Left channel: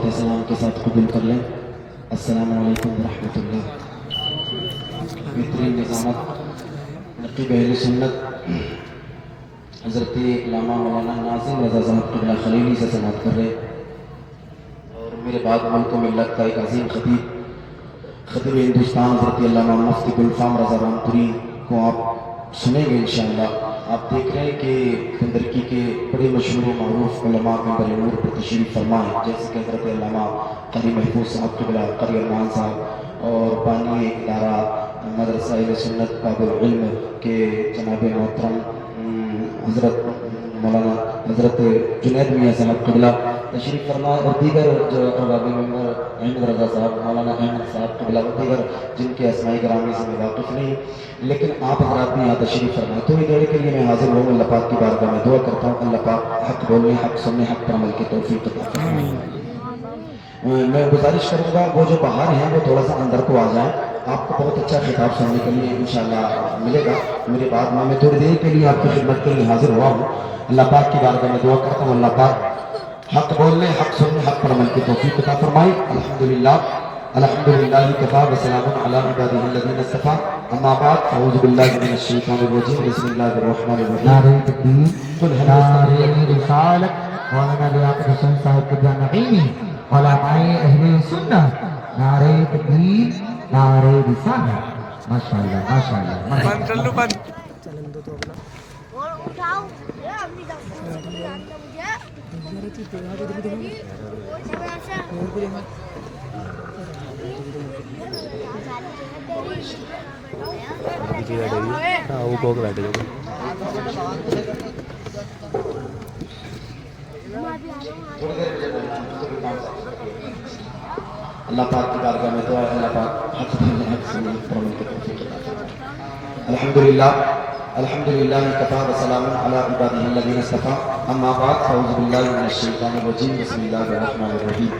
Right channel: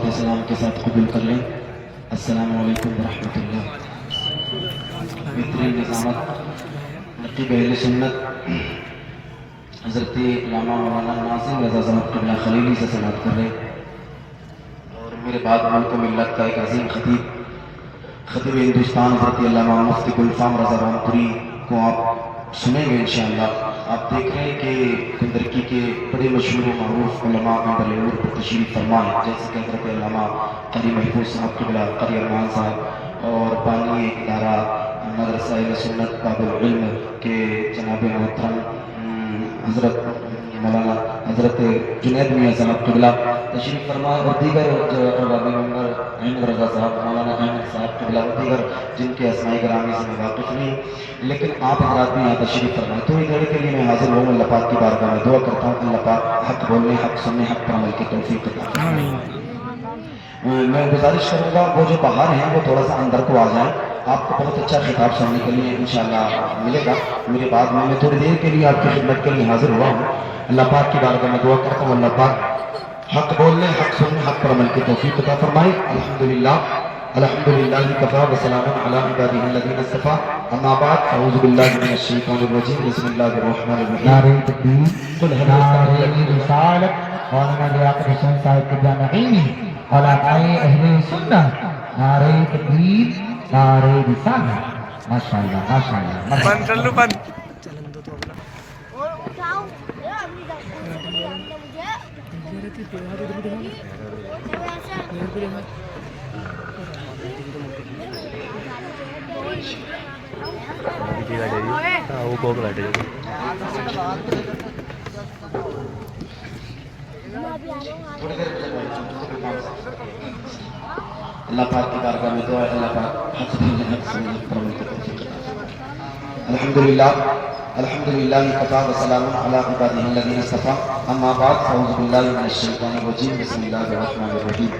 صلوات سلام کے ساتھ قبول کر لیں۔ السلام علیکم ورحمۃ اللہ۔ بہترین نظامت نقیب اہل سنت حضرت علامہ مولانا ناظم رضا صاحب قبلہ خلیلی سے سماعت کر رہے، اور میرے بعد ملک و ملت کا ایک عظیم خطیب ہندوستان حضرت علامہ مفتی گلفام رضا رامپوری کو آپ سنیں گے انشاءاللہ۔ آپ دیکھ رہے ہیں کہ کندرکی کے بڑے مشہور و معروف علماء اندر نور پر تشریف فرما ہے، جیسے کہ حضرت علامہ قاری محفوظ صاحب قبلہ قاری ارمان صاحب، اور بانی ادارہ مدرسہ اہل سنت باب العلم کے جناب محترم حضرت مولانا حضرت جنید میاں صاحب قبلہ تشریف فرما، اور دیگر جو احباب ممبر احمد رضا صاحب، مولانا احمد صاحب قبلہ، اور دیگر جن کے اسماء گرامی سے میں واقف نہیں، لیکن آپ حضرات بھی یہاں تشریف فرمائیں۔ تھوڑی دیر کے لیے میں حاضر ہوں، اللہ پاک کی بارگاہ میں دعا کرتا ہوں اللہ پاک حق بولنے، حق سننے، حق پر عمل کی توفیق عطا فرمائے۔ میں گزارش کروں گا وہ جو باہر ہیں وہ تھوڑا سا اندر کو آ جائیں، آپ کو بہت اچھا خطاب سننے کے لیے انشاءاللہ ملے گا میرے بعد میں تھوڑی دیر کے لیے آپ کی خدمت کے لیے حاضر ہوا ہوں۔ اللہ پاک کی بارگاہ میں دعا کرتا ہوں اللہ پاک حق بولنے، حق سننے، حق پر عمل کی توفیق عطا فرمائے۔ الحمدللہ الحمدللہ کفا وسلام علی عبادہ الذین اصطفیٰ، اما بعد اعوذ باللہ من الشیطان الرجیم، بسم اللہ الرحمن الرحیم۔ نعرہ تکبیر، نعرہ رسالت، مولانا لیاقت حسین صاحب کے جامعین، علماء اہل سنت، نعرہ تکبیر، نعرہ رسالت۔ ماشاءاللہ ماشاءاللہ۔ بند کر لو بند۔ اللہ پاک کی بارگاہ میں دعا ہے اللہ پاک حق بولنے، حق سننے، حق پر عمل کی توفیق عطا فرمائے۔ الحمدللہ الحمدللہ کفا وسلام علی عبادہ الذین اصطفیٰ، اما بعد اعوذ باللہ من الشیطان الرجیم، بسم اللہ الرحمن الرحیم۔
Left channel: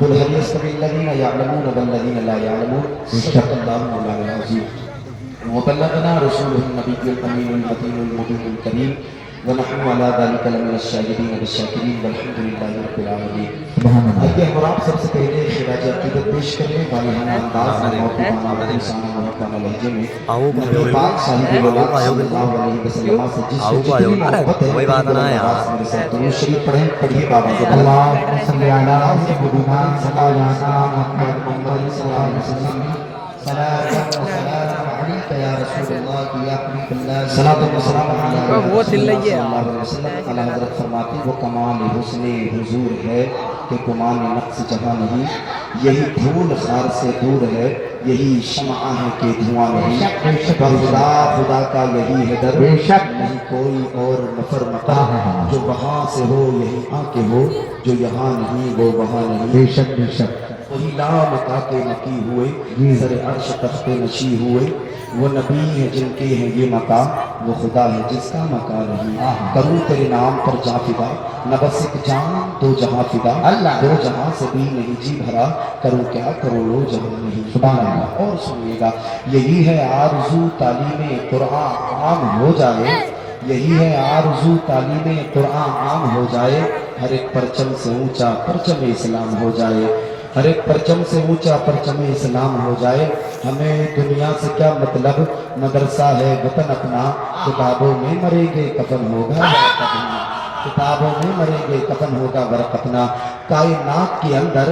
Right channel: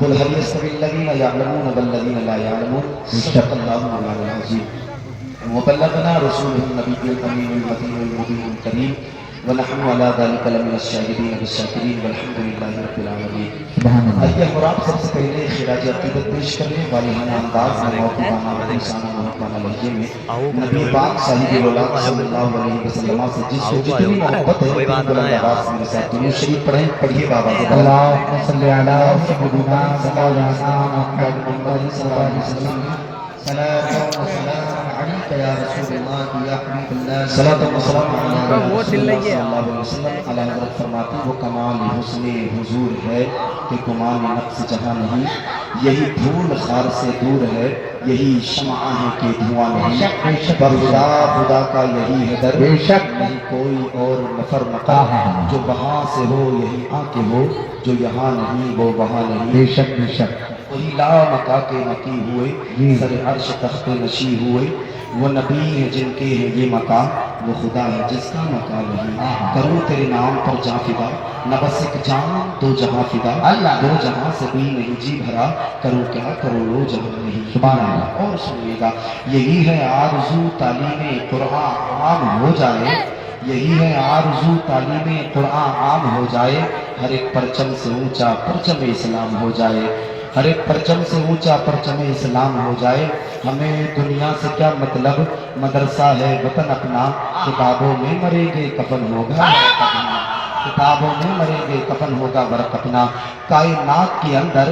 قل هل يستوي الذین یعلمون والذین لا یعلمون، صدق اللہ مولانا العظیم۔ وبلغنا رسوله النبی الامین المتین المبین الکریم، ونحن على ذلك لمن الشاهدین والشاکرین والحمد للہ رب العالمین۔ آئیے ہم آپ سب سے پہلے خراج عقیدت پیش کر لیں والہانہ انداز میں، محبوبانہ مخلصانہ محبوبانہ لہجے میں نبی پاک صاحب الولاد صلی اللہ علیہ وسلم سے جس کو جتنی محبت ہے میرے ساتھ دنیا شریف پڑھیں، پڑھیے بابا سے اللہم صلی علی سیدنا محمد صلی اللہ علیہ وسلم۔ صلاۃ و سلام علیک یا رسول اللہ یا حبیب اللہ، صلاۃ و سلام علی وہ دل لگے صلی اللہ علیہ وسلم۔ اعلیٰ حضرت فرماتی وہ کمال حسن حضور ہے کہ گمان نقص جہاں نہیں، یہی دھول خار سے دور ہے، یہی شمع ہے کہ دھواں نہیں، پر خدا کا یہی ہے در، بے شک نہیں کوئی اور نفر مقام، جو وہاں سے ہو یہی آ کے ہو، جو یہاں نہیں وہ وہاں نہیں۔ بے شک بے شک۔ وہی لا مکا کے نقی ہوئے، سر عرش تخت نشی ہوئے، وہ نبی ہیں جن کے ہیں یہ مقام، وہ خدا ہے جس کا مقام نہیں۔ کروں تیرے نام پر جاں فدا، نہ بس ایک جان دو جہاں فدا، دو جہاں سے بھی نہیں جی بھرا، کروں کیا کروں لو جہاں نہیں۔ سبحان اللہ۔ اور سنیے گا یہی ہے آرزو تعلیم قرآن عام ہو جائے، یہی ہے آرزو تعلیم قرآن عام ہو جائے، ہر ایک پرچم سے اونچا پرچم اسلام ہو جائے، ہر ایک پرچم سے اونچا پرچم اسلام ہو جائے۔ ہمیں دنیا سے کیا مطلب، مدرسہ ہے وطن اپنا، کتابوں میں مریں گے کفن ہوگا ورق اپنا، کتابوں میں مریں گے کفن ہوگا ورق اپنا۔ کائنات کے اندر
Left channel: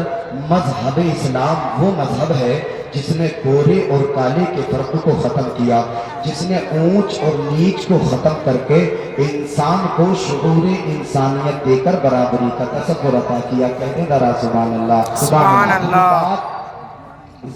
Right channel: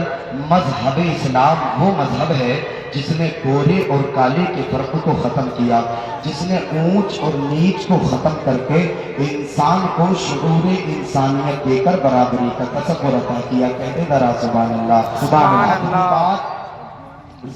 مذہب اسلام وہ مذہب ہے جس نے گورے اور کالے کے فرق کو ختم کیا، جس نے اونچ اور نیچ کو ختم کر کے انسان کو شعور انسانیت دے کر برابری کا تصور عطا کیا۔ کہتے ذرا سبحان اللہ۔ سبحان اللہ۔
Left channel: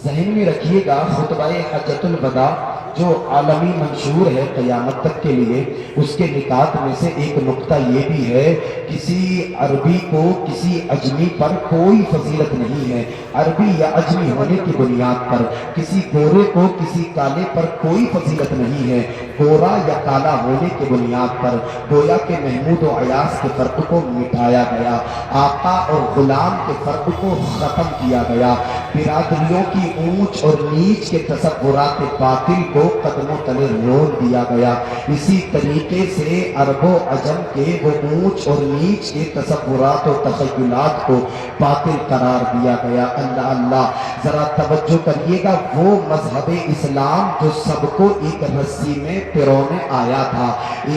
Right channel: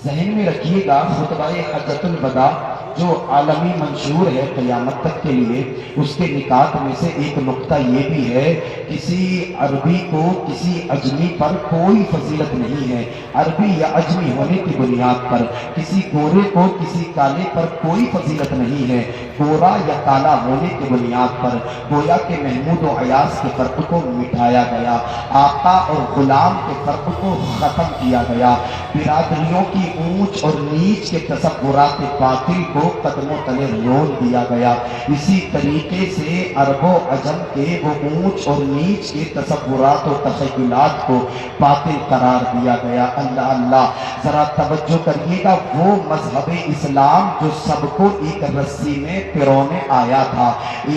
ذہن میں رکھیے گا خطبہ حجۃ الوداع جو عالمی منشور ہے قیامت تک کے لیے، اس کے نکات میں سے ایک نقطہ یہ بھی ہے کسی عربی کو کسی اجمی پر کوئی فضیلت نہیں ہے، عربی یا اجمی ہونے کی بنیاد پر کسی گورے کو کسی کالے پر کوئی فضیلت نہیں ہے، گورا یا کالا ہونے کی بنیاد پر گویا کہ محمود و ایاز کے فرق کو مٹھایا گیا، آقا اور غلام کے فرق کو ختم کیا گیا، برادریوں की ऊंच और नीच के तसव्वुरात बातिल को कदमों तले रोल दिया गया। इसी तरीके से अरबो अजम के वो ऊंच और नीच के तसव्वुरात और तखय्युलात को बातिल करार दिया गया। अल्लाह अल्लाह, जरा तवज्जो करिएगा, वो मजहब इस्लाम जो सबको एक रस्सी में पिरोने आया था,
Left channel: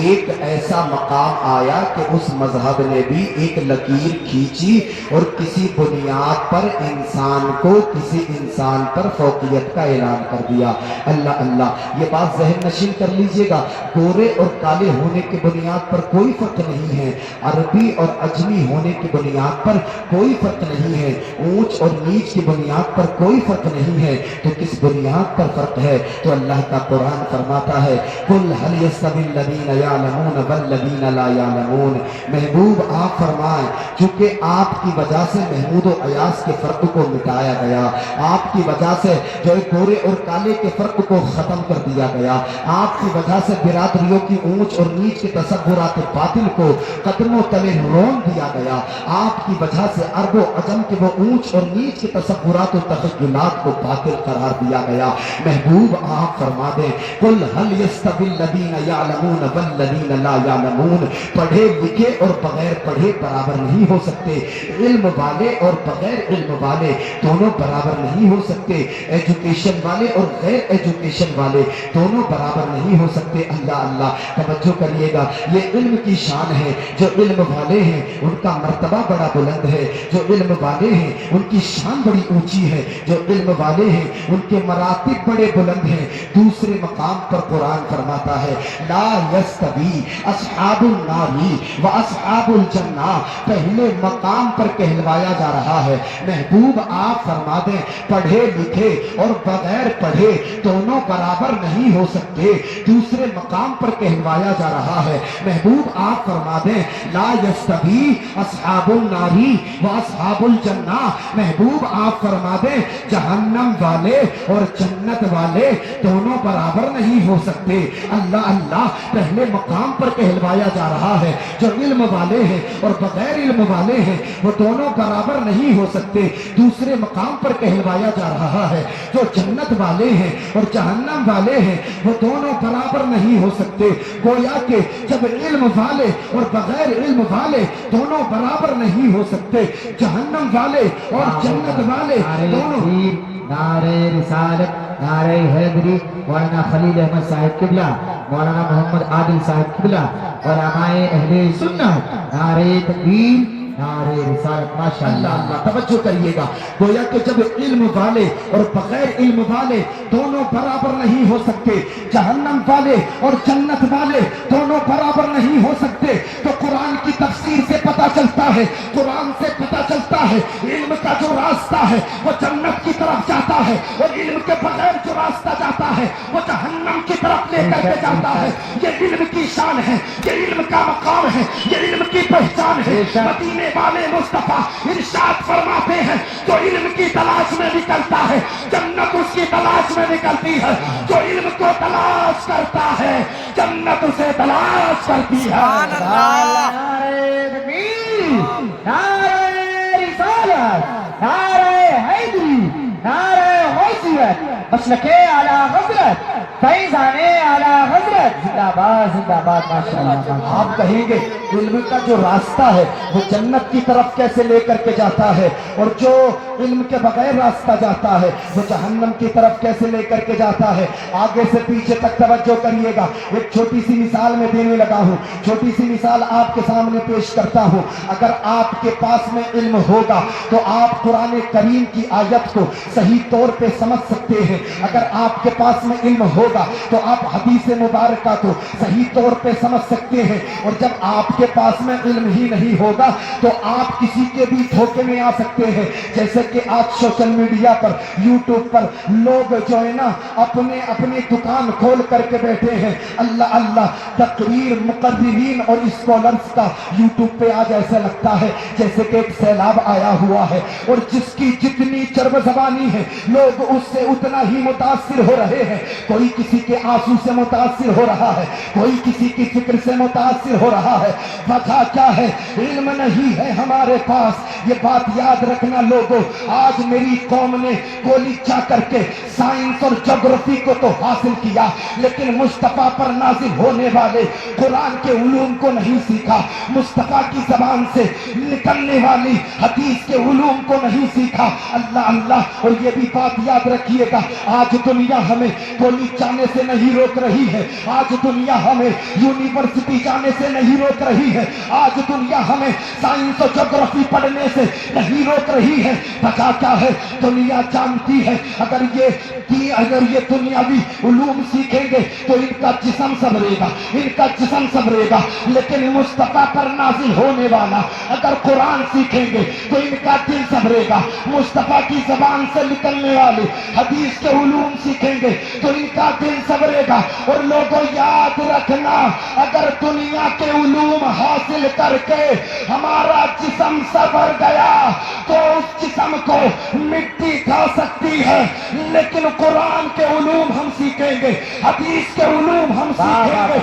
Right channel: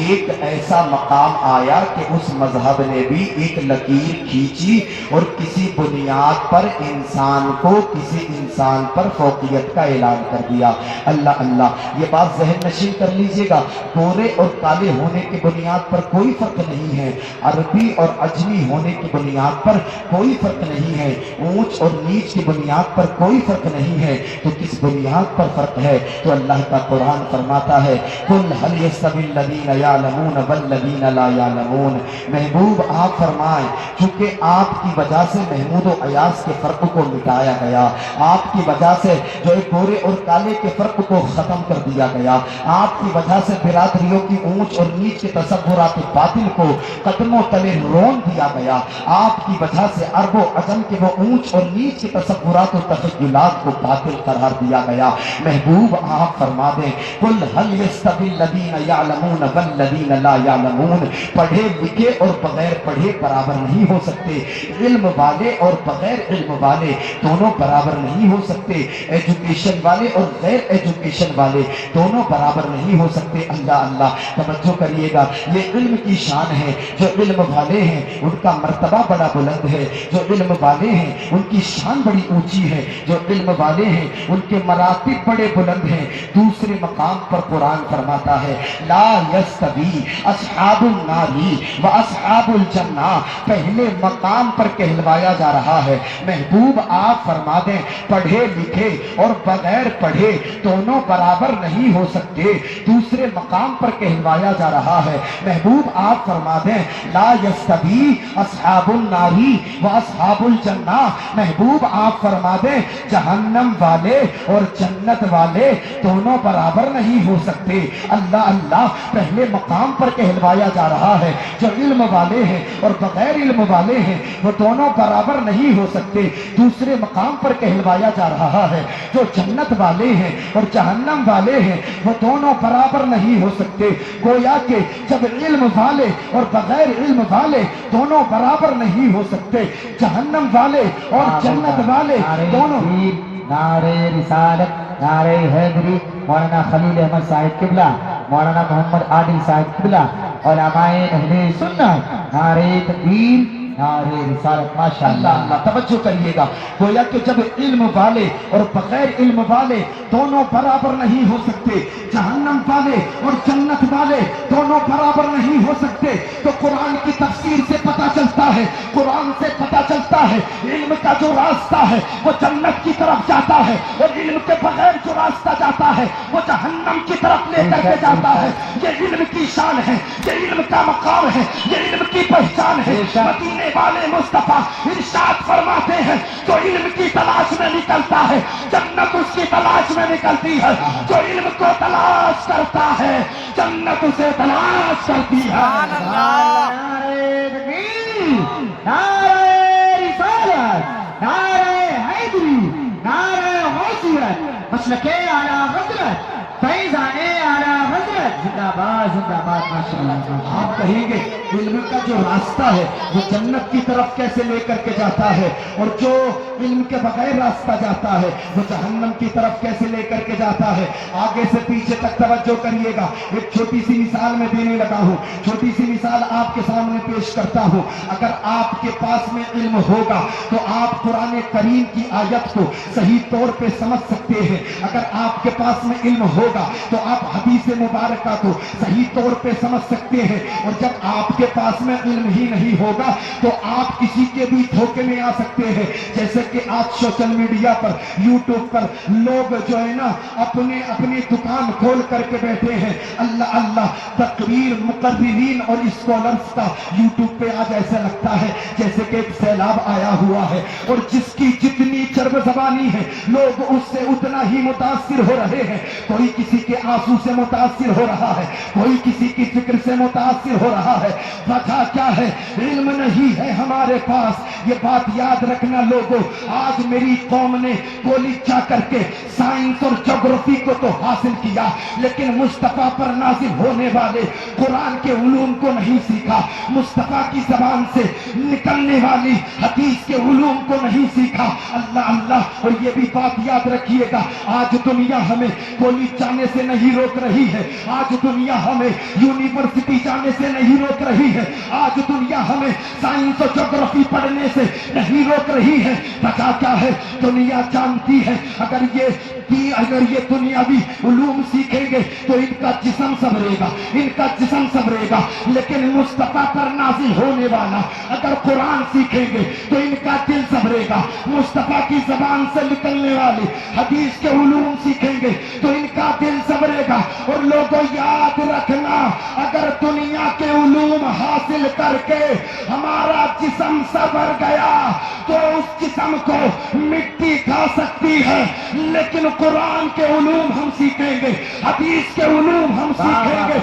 एक ऐसा मकाम आया कि उस मजहब ने भी एक लकीर खींची और किसी बुनियाद पर इंसान को किसी इंसान पर फौकियत का ऐलान कर दिया। अल्लाह अल्लाह, ये बात ज़हन नशीन कर लीजिएगा, गोरे और काले होने की बुनियाद पर कोई फर्क नहीं है, अरबी और अजमी होने की बुनियाद पर कोई फर्क नहीं है, ऊंच और नीच की बुनियाद पर कोई फर्क नहीं है, तो किस बुनियाद पर फर्क है? तो अल्लाह का कुरान फरमाता है, कुल हल यस्तविल लदीन यालमून वल लदीन ला यालमून। महबूब आप फरमाएं, क्योंकि आपकी वजह से महमूद और अयास के फर्क को मिटाया गया, आपकी वजह से जो गोरे और काले के फर्क को खत्म कर दिया गया, आपकी वजह से बिरादरियों की ऊंच और नीच के तसव्वुरात बातिल को कदमों तले रोन दिया गया, आपकी वजह से अरबो अजम के वो ऊंच और नीच के तसव्वुरात और तखय्युलात को बातिल करार दिया गया। महबूब आप फरमा दें, कुल हल यस्तविल लदीन यालमून वल लदीन ला यालमून। पढ़े लिखे और बगैर पढ़े बराबर नहीं हो सकते, इल्म वाले और बगैर इल्म वाले दोनों बराबर नहीं हो सकते, एजुकेशन वाले और गैर एजुकेशन वाले दोनों बराबर नहीं हो सकते। अल्लाह अल्लाह, तवज्जो करिएगा, ये इल्म की शान है, जो इल्म वाले हैं उनका मर्तबा बड़ा बुलंद है, जो इल्म वाले हैं उनकी शान बड़ी ऊंची है, जो इल्म वाले हैं उनके मरातिब बड़े बुलंद हैं। दूसरे मकाम पर कुरान फरमाता है, ला यस्तवी अस्हाबुन नारी व अस्हाबुल जन्ना। पहले मकाम पर कहलवाया जा रहा है, महबूब आप फरमा दें, पढ़े लिखे और बगैर पढ़े दोनों बराबर नहीं हो सकते। दूसरे मकाम पर कहलवाया जा रहा है, महबूब आप फरमा दें, ला यस्तवी अस्हाबुन नारी व अस्हाबुल जन्ना। महबूब आप फरमा दें, जहन्नम वाले और जन्नत वाले दोनों बराबर नहीं हो सकते। अल्लाह अल्लाह, पहले मकाम पर कहलवाया जा रहा है, जो इल्म वाले हैं और बगैर इल्म वाले हैं वो दोनों बराबर नहीं हो सकते। दूसरे मकाम पर कहलवाया जा रहा है, जो जन्नत वाले हैं और जहन्नम वाले हैं वो दोनों बराबर नहीं हो सकते। गोया के जब इल्म वाले और बगैर इल्म वाले दोनों बराबर नहीं हो सकते, जहन्नम वाले और जन्नत वाले दोनों। नारे रिसालत, नारे हैदरी, मौलाना खलील अहमद साहिब किबला, मौलाना मोहम्मद आदिल साहिब किबला, उलमाए अहले सुन्नत, नारे तकबीर, नारे रिसालत। माशाअल्लाह अल्लाह, तवज्जो करिएगा, गोया कि जब इल्म वाले और बगैर इल्म वाले दोनों बराबर नहीं हो सकते, जहन्नम वाले और जन्नत वाले दोनों बराबर नहीं हो सकते, तो कुरान की तफसीर से पता चलता है, कुरान से पता चलता है इल्म का जो रास्ता है वो जन्नत की तरफ जाता है, और इल्म के बगैर जो रास्ता जाता है वो जहन्नम की तरफ लेकर के जाता है। ये इल्म की शान है, ये इल्म का मकाम है, ये इल्म की पहचान है। मदीने वाले मुस्तफा इरशाद फरमाते हैं, जो इल्म की तलाश में निकलता है जन्नत उसकी तलाश में निकलती है, जो इल्म को तलाश करता है जन्नत उसे तलाश करती है। नारे तकबीर, नारे रिसालत, नारे हैदरी, नारे गौसियत, मसलके आला हज़रत, फैज़ाने आला हज़रत, जिंदाबाद जिंदाबाद। माशाअल्लाह, आप कहेंगे इल्म का जो रास्ता है वो जन्नत की तरफ कैसे लेकर के जाता है, और जो इल्म के बगैर रास्ता जाता है वो जहन्नम की तरफ कैसे लेकर के जाता है। आगे से पीछे तक तवज्जो करिएगा, एक छोटी सी मिसाल में देने लगा हूँ, छोटी सी मिसाल आपके सामने पेश करता हूँ। अगर आपके पास में इल्म होगा तो आप कुरान करीम की आयत को सही तौर पे समझ सकते हैं, अगर आपके पास में इल्म होगा तो आप हदीस मुबारका को सही तौर पे समझ सकते हैं, और जब आपके पास में इल्म ही नहीं होगा तो आप किसी के भी धोखे में आ सकते हैं। जैसे कि आज सोशल मीडिया पर, यूट्यूब पर लोग जो है ना अपने अपनी दुकान खोल करके बैठे हैं। अल्लाह अल्लाह, तकरीर मुकर्रिरीन और स्कॉलर्स का यूट्यूब पे आज ऐसा लगता है जैसे कि एक सैलाब आया हुआ है, और जिसकी जितनी चर्ब जबानी है लोग उससे उतना ही मुतासिर हो रहे हैं। कोई किसी के आंसू से मुतासिर हो ہو رہا ہے، کوئی کسی کی فکر سے متاثر ہو رہا ہے. وجہ کیا ہے؟ علم نہیں ہے ہمارے پاس. یہ بات یاد رکھنا لوگوں، آج میری قوم نے کولیچا کر کے سائنس اور جغرافی کو تو حاصل کیا، لیکن مصطفیٰ پر نازل ہونے والے قرآن کے علوم کو نہیں سیکھا، مصطفیٰ کی زبان سے نکلنے والی حدیث کے علوم کو نہیں سیکھا. اللہ اللہ. اور یہ بھی بات یاد رکھیے گا، آج دنیا ہمیں کالج جانے سے نہیں روک رہی ہے، آج دنیا ہمیں یونیورسٹی جانے سے نہیں روک رہی ہے، آج دنیا ہمیں سائنس اور جغرافی پڑھنے سے نہیں روک رہی ہے. وجہ کیا ہے؟ دنیا جانتی ہے اگر یہ دنیاوی علوم سیکھیں گے تو ان کا جسم سنورے گا، ان کا جسم سنورے گا، لیکن مصطفیٰ پر نازل ہونے والا اگر قرآن سیکھیں گے تو ان کا دل سنورے گا. مصطفیٰ کی زبان سے نکلنے والے حدیث کے علوم سیکھیں گے تو ان کا دل سنورے گا. اور لوگوں یاد رکھنا، اگر دنیا کے علوم حاصل کر کے ہمارا جسم سنور گیا تو اس جسم کو مٹی کھا سکتی ہے، لیکن قرآن کے علوم ہم سیکھیں گے، حدیث کے علوم ہم سیکھیں گے،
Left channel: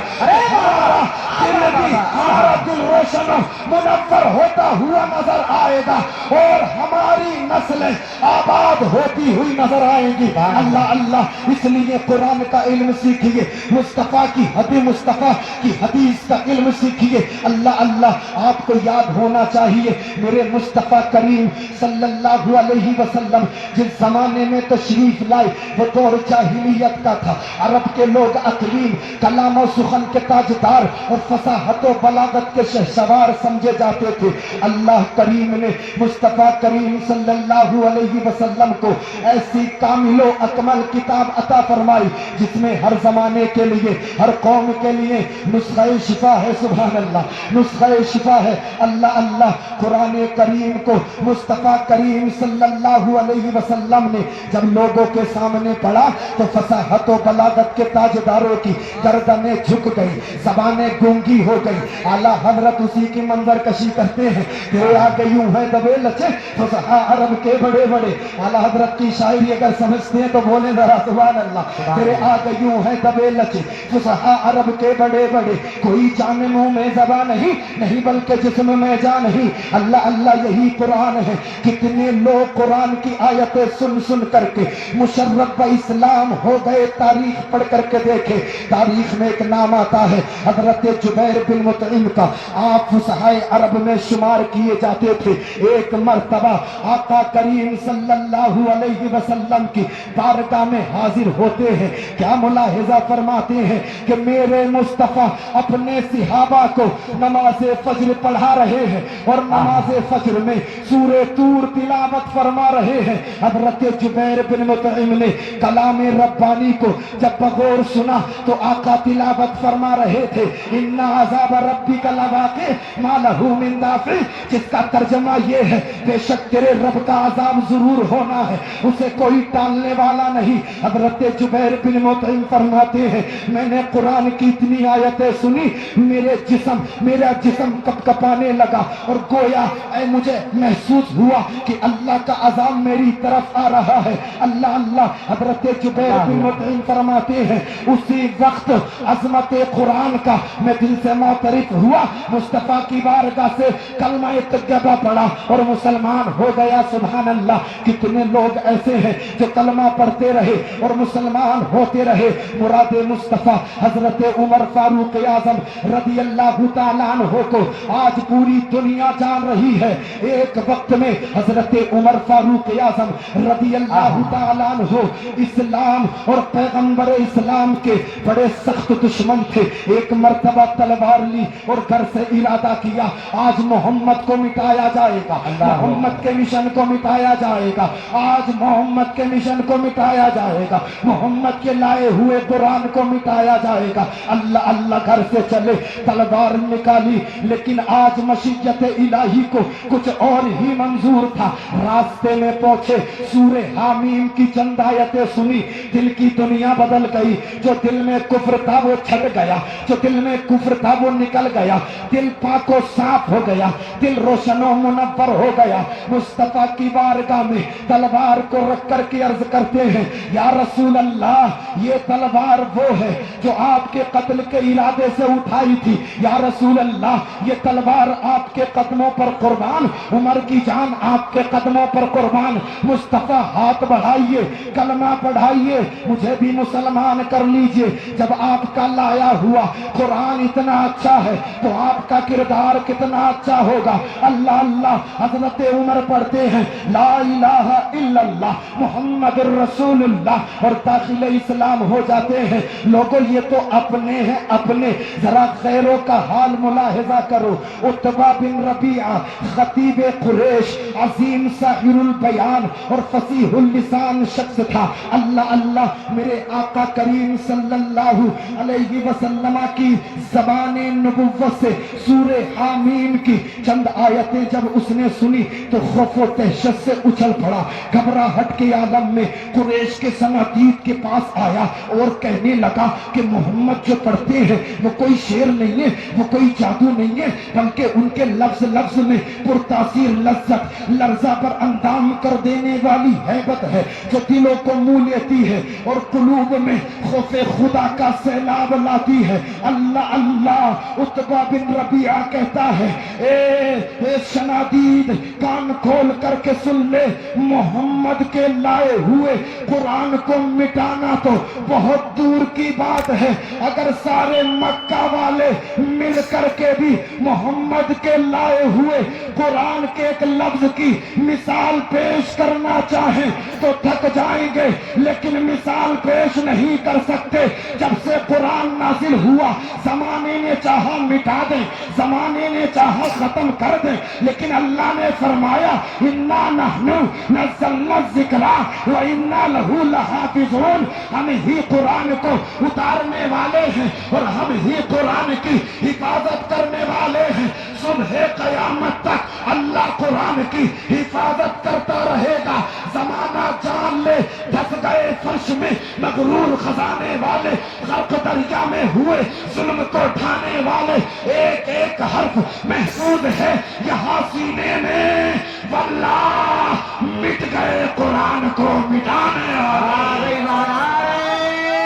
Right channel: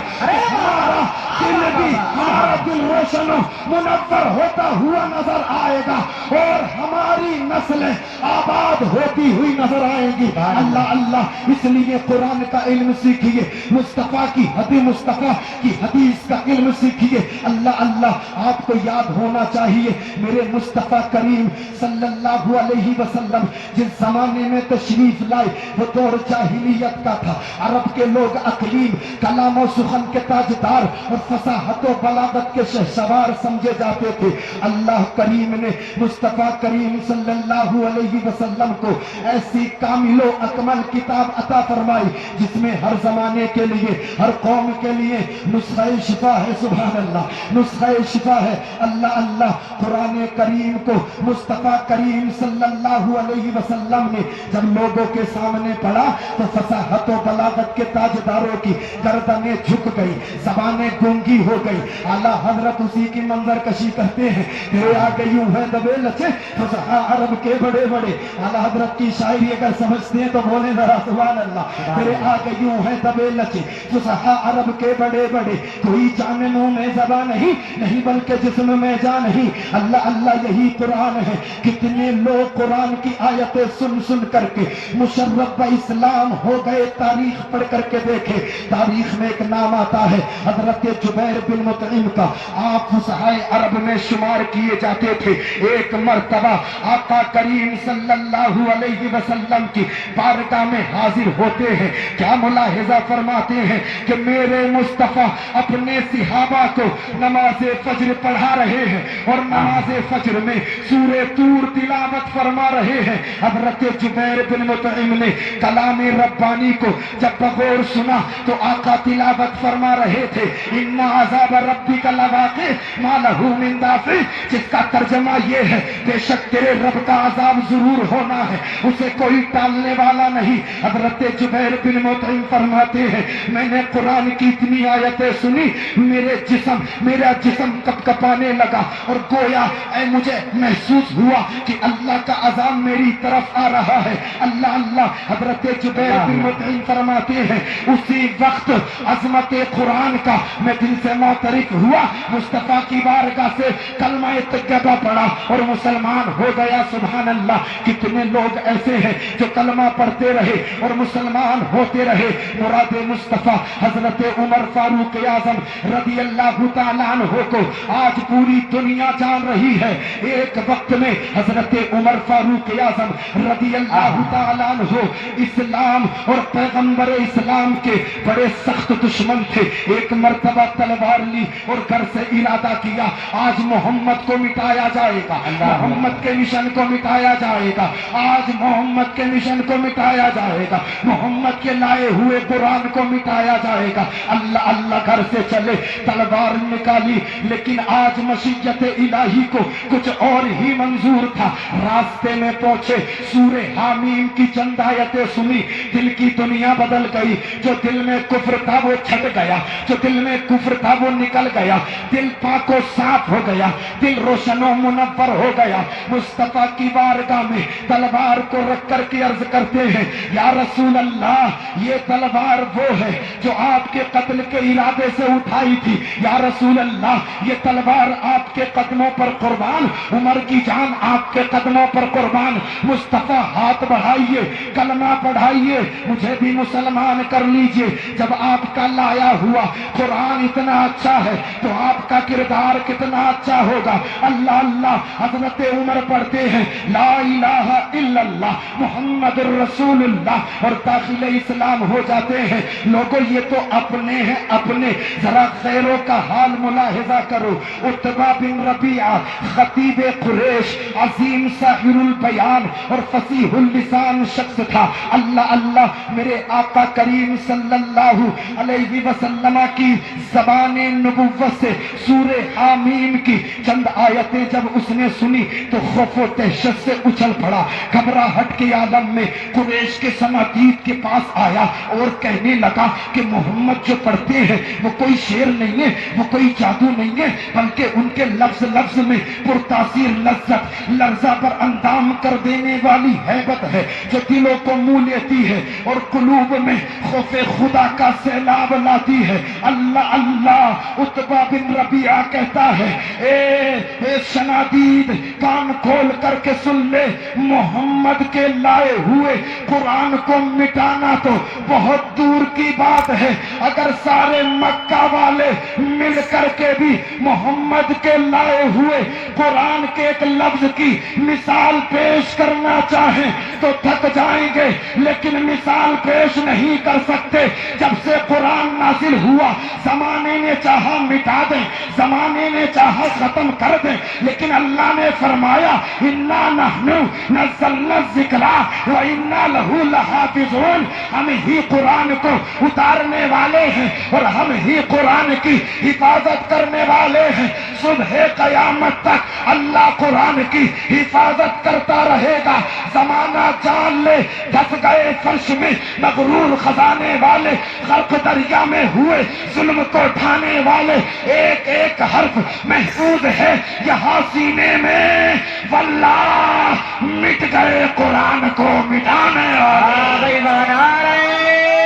ہمارا دل روشن و منور ہوتا ہوا نظر آئے گا اور ہماری نسلیں آباد ہوتی ہوئی نظر آئیں گی. اللہ اللہ. اس لیے قرآن کا علم سیکھیے، مصطفیٰ کی حدیث کا علم سیکھیے. اللہ اللہ. آپ کو یاد ہونا چاہیے میرے مصطفیٰ کریم صلی اللہ علیہ وسلم جس زمانے میں تشریف لائے وہ دور جاہلیت کا تھا. عرب کے لوگ اقلیم، کلام و سخن کے تاجدار اور فصاحت و بلاغت کے شہسوار سمجھے جاتے تھے. اللہ کریم نے مصطفیٰ کریم صلی اللہ علیہ وسلم کو ایسی کامل و اکمل کتاب عطا فرمائی جس میں ہر زمانے کے لیے، ہر قوم کے لیے نسخہ شفا ہے. سبحان اللہ. نسخہ شفا ہے. اللہ اللہ. قرآن کریم کو مصطفیٰ کریم صلی اللہ علیہ وسلم نے جب لوگوں کے سامنے پڑھا تو فصاحت و بلاغت کے تاجداروں کی گردنیں جھک گئی، زبانیں گونگی ہو گئی. اعلیٰ حضرت اسی کی منظر کشی کرتے ہیں. تیرے آگے یوں ہے دبے لچے فصحا عرب کے بڑے بڑے. اعلیٰ حضرت کی شاعری اگر سمجھتے ہیں تو بولیں ذرا سبحان اللہ. تیرے آگے یوں ہے دبے لچے فصحا عرب کے بڑے بڑے، کوئی جان منہ میں زبان نہیں بلکہ جسم میں جان نہیں. اللہ اللہ. یہی قرآن ہے. کتنے لوگ قرآن کی آیتیں سن سن کر کے مشرف اسلام ہو گئے. تاریخ پڑھ کر کے دیکھے، تاریخ میں ایک نام آتا ہے حضرت جبیر بن مطعم کا. آپ فصحائے عرب میں شمار کیے جاتے تھے. ایک مرتبہ آقا کریم صلی اللہ علیہ وسلم کی بارگاہ میں حاضر ہوتے ہیں. کیا ملاحظہ فرماتے ہیں کہ میرے مصطفیٰ اپنے صحابہ کو نماز فجر پڑھا رہے ہیں اور نماز فجر میں سورہ طور تلاوت فرما رہے ہیں. حضرت جبیر بن مطعم نے کلام ربانی کو جب بغور سنا تو آقا تلاوت فرما رہے تھے ان عذاب ربک لواقع ما لہ من دافع، جس کا ترجمہ یہ ہے بے شک تیرے رب کا عذاب ضرور ہونا ہے، اسے کوئی ٹالنے والا نہیں. حضرت جبیر بن مطعم فرماتے ہیں میں نے قرآن کی اتنی آیتیں سنی، میرا جسم کپ کپانے لگا اور گویا مجھے محسوس ہوا کہ اللہ کا عذاب میری طرف آ رہا ہے. اللہ اللہ. حضرت جبیر بن مطعم فرماتے ہیں اسی وقت عظمت قرآن کا میں دل سے معترف ہوا، مصطفیٰ کی بارگاہ سے کلمہ طیبہ پڑھا اور مسلمان ہو گیا. سبحان اللہ. کتنے لوگ ایسے ہیں جو کلمہ پڑھتے رہے اور مسلمان ہوتے رہے. مراد مصطفیٰ حضرت عمر فاروق اعظم رضی اللہ تعالیٰ عنہ کو آج پوری دنیا جان رہی ہے. ایک وقت میں حضرت عمر فاروق اعظم رضی اللہ تعالیٰ عنہ اسلام اور پیغمبر اسلام کے بڑے سخت دشمن تھے. ایک مرتبہ تلوار لی اور گھر سے ارادہ کیا آج محمد کو مٹایا جائے گا، محمد کے مشن کو مٹایا جائے گا، آج محمد کے مشن کو مٹایا جائے گا، محمد کے لائے ہوئے قرآن کو مٹایا جائے گا. اللہ اللہ. گھر سے چلے، تلوار نکالی، لیکن آج مشیت الہی کو کچھ اور ہی منظور تھا. रास्ते में पहुंचे, सूरे हामीम की चंद आयतें सुनी, दिल की दुनिया बदल गई। जो दिल में कुफ्र था वो छट गया, जो दिल में कुफ्र था वो निकल गया, दिल पाको साफ हो गया, दिल रोशनो मुनव्वर हो गया। मुस्तफा की बारगाह में तलवार को रख कर के अर्ज करते हैं, या रसूल अल्लाह, ये तलवार वो है जो आपके कत्ल के इरादे से उठाई थी। या रसूल अल्लाह, ये तलवार आपके कदमों पर कुर्बान, उमर की जान आपके कदमों पर कुर्बान। मुस्तफा हाथ बढ़ाइए, कलमा पढ़ाइए, मुझे भी मुसलमान कर लीजिए। जब आपका लाया हुआ कुरान इतना अच्छा है तो आपका किरदार कितना अच्छा होगा। अल्लाह अल्लाह, हजरत उमर पढ़ते हैं ला इलाहा इल्लल्लाह मुहम्मदुर रसूलुल्लाह और दाखिले इस्लाम हो जाते हैं। लोगों ये तो अपने हैं अपने, जरा गैरों का हाल मुलाहिजा करो। उतबा बिन रबीआ खतीब कुरैश, अजीम साहिरुल बयान और फसीहुल लिसान शख्स था। अल्लाह अल्लाह, मेरे आका करीम सल्लल्लाहु अलैहि वसल्लम की ज़बाने नबुव्वत से सूरे हामीम की चंद आयतें जब उसने सुनी तो खौफ व दहशत से उछल पड़ा। घबराहट के आलम में कुरैश के सनादीद के पास आया और कहने लगा कि मोहम्मद जो पढ़ते हैं वो कोई शेर नहीं है, वो कोई जादू नहीं है, बल्कि उनके लफ्ज लफ्ज में पुरतासीर लज्जत, लर्जा पर अंदाम कर देने वाली हैबत है जो दिलों को मुँह लेती है और कुलूब में खौफे खुदा का सैलाब लाती है। अल्लाह अल्लाह, उतबा बिन रबिया कहता है, ए शनादीद, कान खोल करके सुन ले, मोहम्मद के लाए हुए कुरान को मिटाना तो बहुत दूर की बात है। अगर सारे मक्का वाले मिल करके भी मोहम्मद के लाए हुए कुरान के एक लफ्ज की मिसाल पेश करना चाहें तो थक जाएंगे, लेकिन मिसाल पेश नहीं कर सकते। जब से कुरान नाजिल हुआ, जमाने ने चाहा मिटा दें, जमाने ने चाहा खत्म कर दें, लेकिन अल्लाह ने फरमाया इन्ना नहनु नज़्ज़लना ज़िक्रा व इन्ना लहू लहाफ़िज़ून, हम ही कुरान को उतारने वाले हैं और हम ही कुरान की हिफाजत करने वाले हैं। सुबह क़यामत तक अल्लाह कुरान की हिफाजत करता रहेगा। जमाना जान ले, धस गए फर्श में मगरूर खजाने वाले, गर्क दरिया में हुए जुल्म को ढाने वाले, एक एक हर्फ महफूज है यहाँ सीने में। वल्लाह मिट गए कुरान को मिटाने वाले। नारे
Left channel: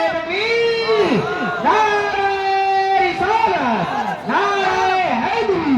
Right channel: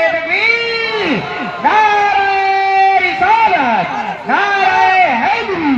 तकबीर, नारे रिसालत, नारे हैदरी,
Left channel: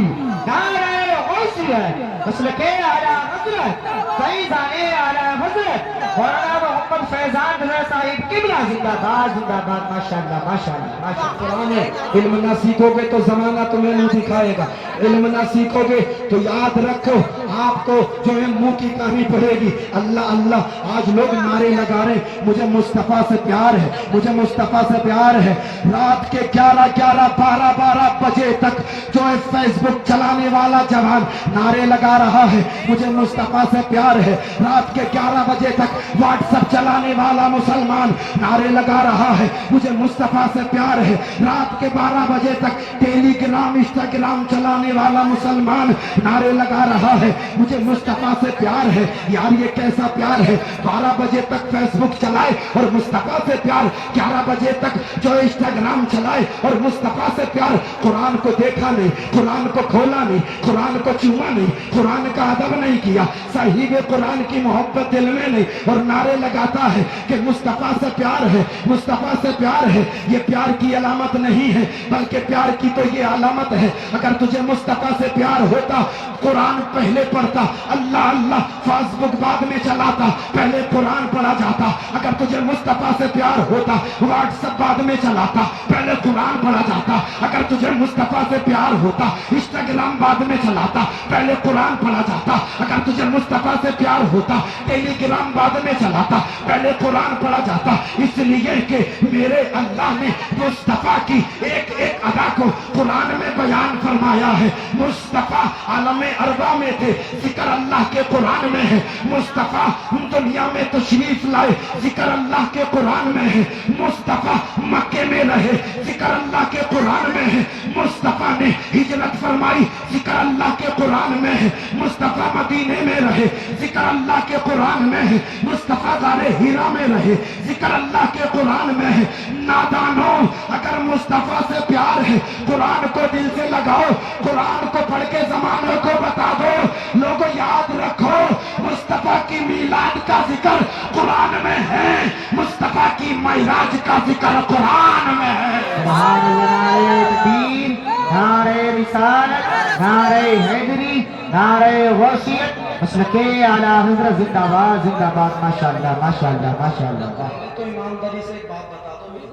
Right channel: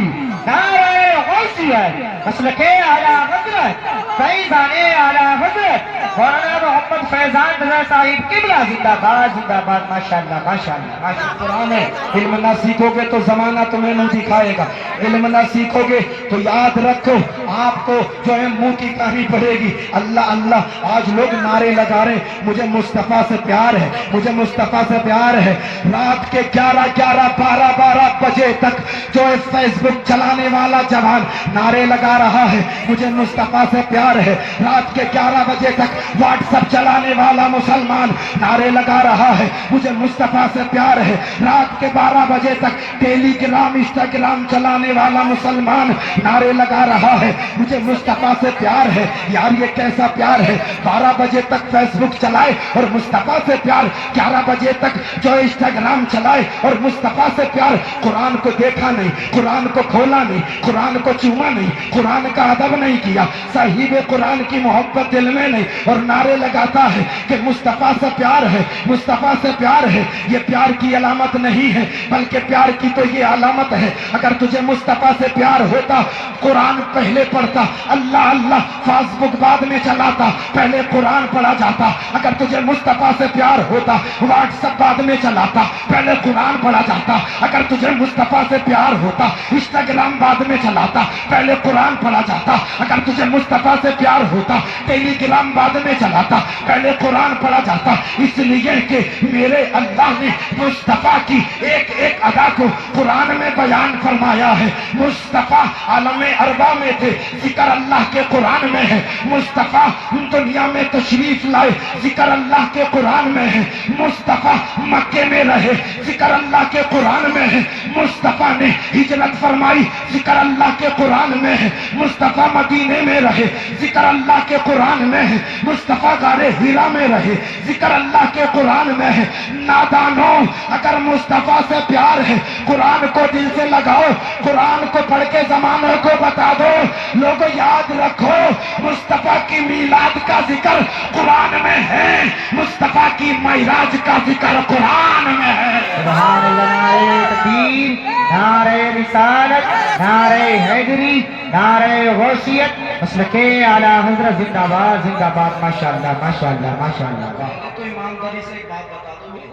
नारे गौसियत, मसलके आला हज़रत, फैज़ाने आला हज़रत मौलाना मोहम्मद फैजान रज़ा साहिब क़िबला जिंदाबाद जिंदाबाद। माशाअल्लाह माशाअल्लाह माशाअल्लाह। कुरान है, इल्म ना सीखोगे तो जमाना तुम्हें मुंह दिखाएगा, इल्म ना सीखोगे तो याद रखो आपको जो है मुंह की कहानी पड़ेगी। अल्लाह अल्लाह, आज लोग नारे लगा रहे, मुझे मुस्तफा से प्यार है, मुझे मुस्तफा से प्यार है। रात के 11-11, 12-12 बजे तक जो है फेसबुक चलाने वाला जवान नारे लगा रहा है, मुझे मुस्तफा से प्यार है। रात के 11 बजे तक व्हाट्सएप चलाने वाला मुसलमान नारे लगा रहा है, मुझे मुस्तफा से प्यार है। रात के 12 बजे तक टेलीग्राम इंस्टाग्राम चलाने वाला मुसलमान नारे लगा रहा है, मुझे मुस्तफा से प्यार है। यार ये कैसा प्यार है, 12 बजे तक फेसबुक चलाए और मुस्तफा से प्यार, 11 बजे तक जो इंस्टाग्राम चलाए और मुस्तफा से प्यार। कुरान को देखा नहीं, कुरान को खोला नहीं, कुरान को चूमा नहीं, कुरान का अदब नहीं किया, साहिब कुरान की मोहब्बत दिल में नहीं, और नारे लगाता है कि मुस्तफा से प्यार है, मुस्तफा से प्यार है। ये प्यार की अलामत नहीं है, बल्कि प्यार की तो ये अलामत है। अगर तुझे मुस्तफा से प्यार होता, कुरान पहले पढ़ता, अल्लाह अल्लाह फेसबुक बाद में चलाता, पहले कुरान पढ़ा जाता। अगर तुझे मुस्तफा से प्यार होता, व्हाट्सएप बाद में चलाता, पहले कुरान पढ़ा जाता। अगर तुझे मुस्तफा से प्यार होता, इंस्टाग्राम बाद में चलाता, पहले कुरान पढ़ा जाता। अगर तुझे मुस्तफा से प्यार होता, टेलीग्राम बाद में चलाता, पहले कुरान पढ़ा जाता। इसलिए कि मेरे अल्लाह ने मुस्तफा की एक एक अदा को कुरान में बयान फरमाया है। मुस्तफ़ा आलम अरबा में थे, जिक्र अल्लाह के कुरान में है। मुस्तफ़ा दुनिया में तशरीफ लाए, जिक्र अल्लाह के कुरान में है। मुस्तफ़ा मक्के में रहे, जिक्र अल्लाह के कुरान में है। मुस्तफ़ा ने हिजरत फरमाई, जिक्र अल्लाह के कुरान में है। मुस्तफ़ा मदीने में रहे, जिक्र अल्लाह के कुरान में है। मुस्तफ़ा गारे हीरा में रहे, जिक्र अल्लाह के कुरान में है। नादानों, अगर मुस्तफ़ा से प्यार है, कुरान को दिल से लगाओ, कुरान को पढ़ के जमानों को बता दो। लोगों याद रखो, मुस्तफ़ा की मीलाद का जिक्र कुरान में है, मुस्तफ़ा की मेराज का जिक्र कुरान में है। सुभान अल्लाह, नारे तकबीर, नारे रिसालत, नारे हैदरी, नारे वसीयत, मसलके आला हज़रत जिंदाबाद जिंदाबाद। माशाअल्लाह माशाअल्लाह माशाअल्लाह। तो ईमानदारी से एक बात बता दो, मेरी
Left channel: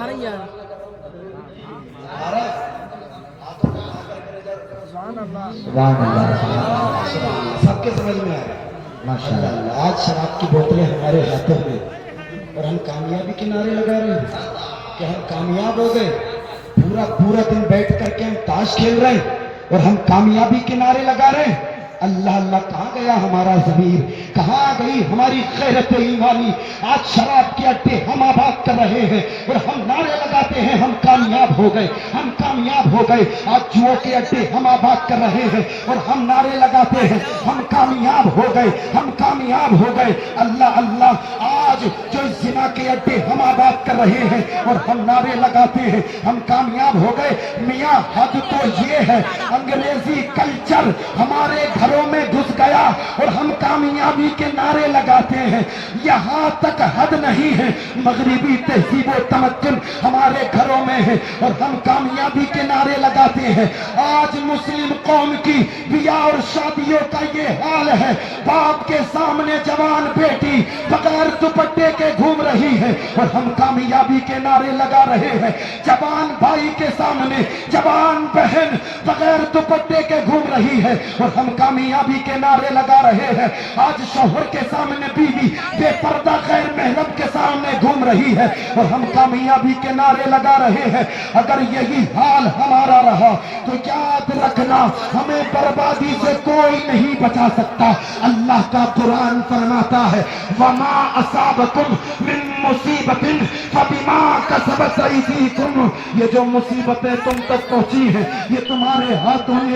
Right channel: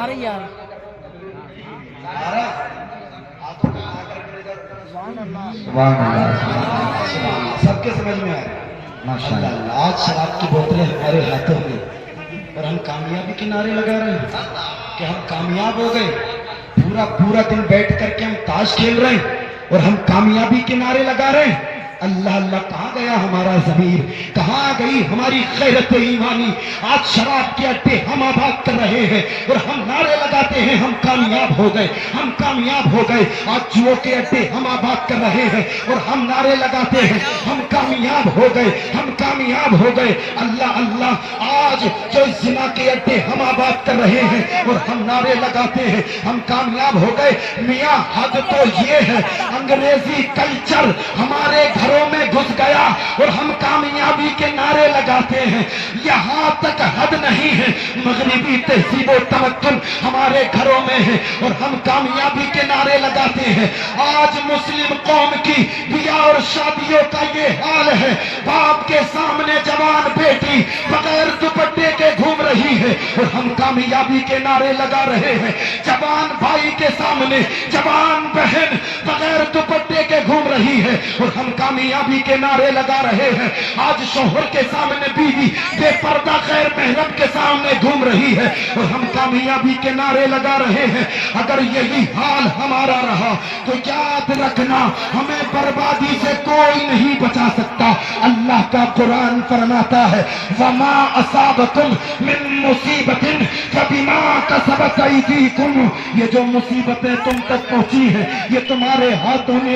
अरे यार सुभान अल्लाह, सबके समझ में आया। माशाअल्लाह। आज शराब की बोतलें हमारे हाथों में और हम कामयाबी के नारे लगा रहे हैं कि हम कामयाब हो गए। पूरा पूरा दिन बैठ करके हम ताश खेल रहे हैं और हम कामयाबी के नारे लगा रहे हैं। अल्लाह अल्लाह, कहाँ गया हमारा ज़मीर, कहाँ गई हमारी गैरत ईमानी। आज शराब के अड्डे हम आबाद कर रहे हैं और हम नारे लगाते हैं हम कामयाब हो गए, हम कामयाब हो गए। आज जुओ के अड्डे हम आबाद कर रहे हैं और हम नारे लगाते हैं हम कामयाब हो गए, हम कामयाब हो गए। अल्लाह अल्लाह, आज जो जिना के अड्डे हम आबाद कर रहे हैं और हम नारे लगाते हैं हम कामयाब हो गए। मियाँ हद तो ये है, अंग्रेजी कल्चर हमारे घरों में घुस गया और हम कामयाबी के नारे लगाते हैं। यहाँ तक हद नहीं है, मगरिबी तहजीब व तमक्कुन हमारे घरों में है और हम कामयाबी के नारे लगाते हैं। आज मुस्लिम कौम की बियाह और शादियों का ये हाल है, बाप के सामने जवान बेटी बगैर दुपट्टे के घूम रही है और हम कामयाबी के नारे लगा रहे हैं। जवान भाई के सामने जवान बहन बगैर दुपट्टे के घूम रही है और हम कामयाबी के नारे लगा रहे हैं। आज शोहर के सामने बीवी बेपर्दा गैर महरम के सामने घूम रही है और हम कामयाबी के नारे लगा रहे हैं। अगर यही हाल हमारा रहा तो याद रखना, हमें बर्बादी से कोई नहीं बचा सकता। अल्लाह का कुरान फरमाता है, वमा असाबकुम मिन मुसीबतिन फबिमा कसबत अयदीकुम। ये जो मुसीबतें तुम तक पहुंची हैं, ये तुम्हारे हाथों में